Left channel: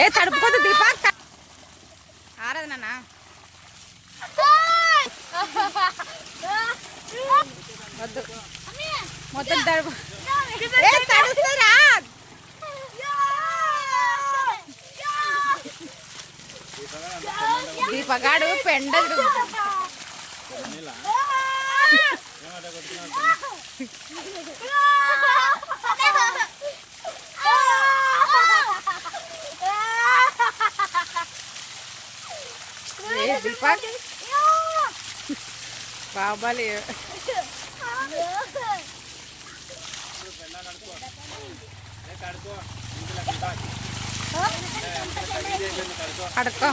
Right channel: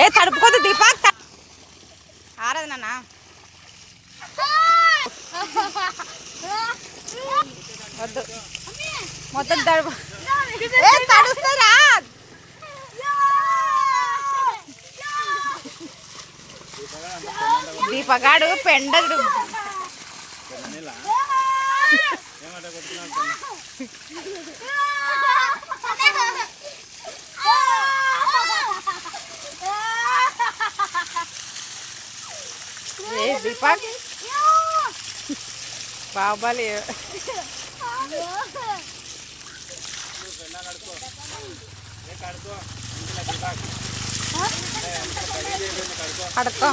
ఏ తడుపుకోదు దీపక్ ఆరదు నాన్న వద్దు మొత్తం తడుపు తడుస్తారా దీపగాడు పెండదు దీపక్ బాబాలి కడుక్కో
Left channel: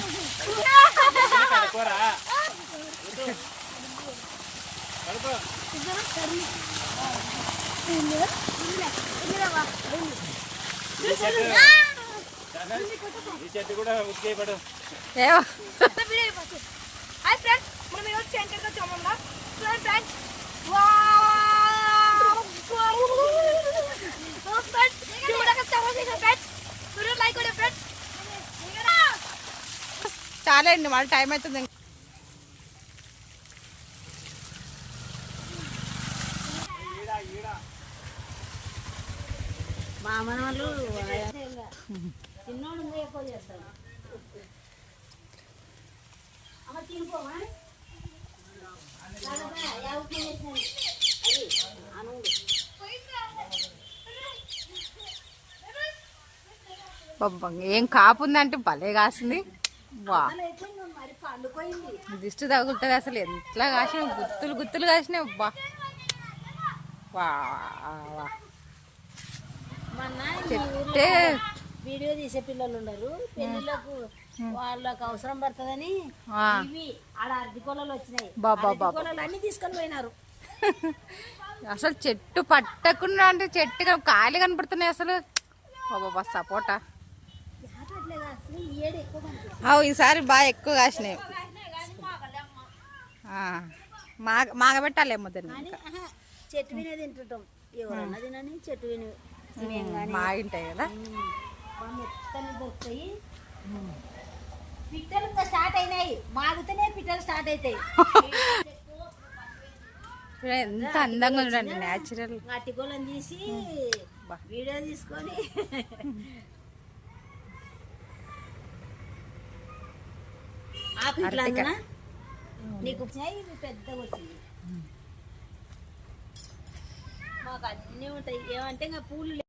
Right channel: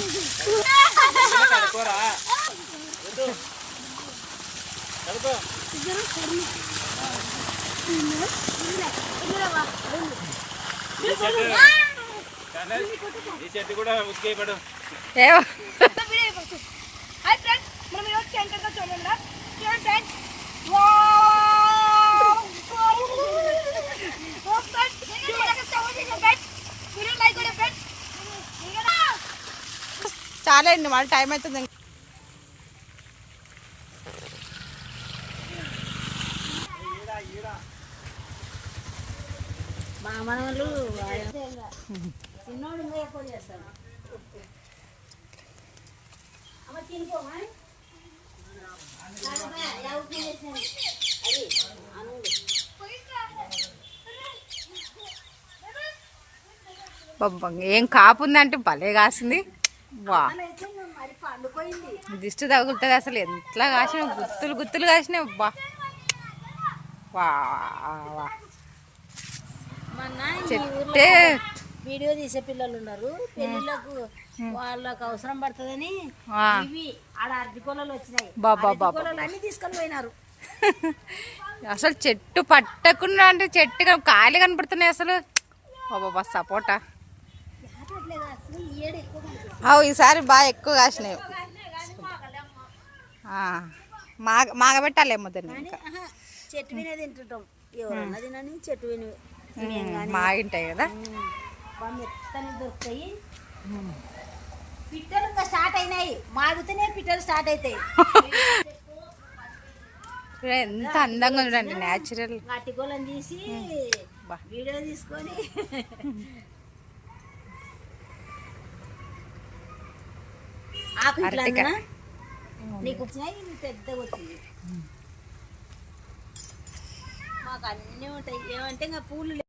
ఏవో చాలా అండి మళ్ళీ టైం అవుతుంది మా మనవాళ్ళు చిన్నోడు ఎక్కువ చేస్తారు ఏం కాపుందంటే భలే కాసింది వా దిష్టి తగులుతుంది అసలు ఎట్లా కాసిన గుత్తులు గుత్తులు కాసినాయి అబ్బా వా చెట్టే వీడియో తీసే పిల్లలు ఉన్నారు పెళ్ళిళ్ళకు వాళ్ళకు అవసరం పడుతుందని ఇవి ఆడ అరటి పొలాలు వచ్చినాయి పొలాలు అన్ని తీసుకొని పోయినారు అసలు చెట్టు పట్టకుండా అంటే చెట్టు కాయలు కనపడుతున్నాయి అసలు బాబా సపోటా ఈసారి బాగా ఎక్కువ కాసినాయి మాగబెట్టాలేమో దాన్ని ఇంకా చెట్టు వినే తింటుంటాం ఎవరన్నా తినని చెట్టు విని మాగింటాయి కదా మెత్తని దొరుకుతాయి పిట్టలు ఇంకా స్టార్ట్ అయినాయి మాగుతూనే పిట్టలు స్టార్ట్ అవుతాయి ఎంత అందంగా చూడండి న్యాచురల్ అట్టిగోళం తీసి వీడియో తీసుకొని ఆకు ఇట్లా నీకు వచ్చినాయి పెద్దగా వచ్చింది మాకు అన్నీ ఉంటాయి ఏమంటే ఇంకా పూలు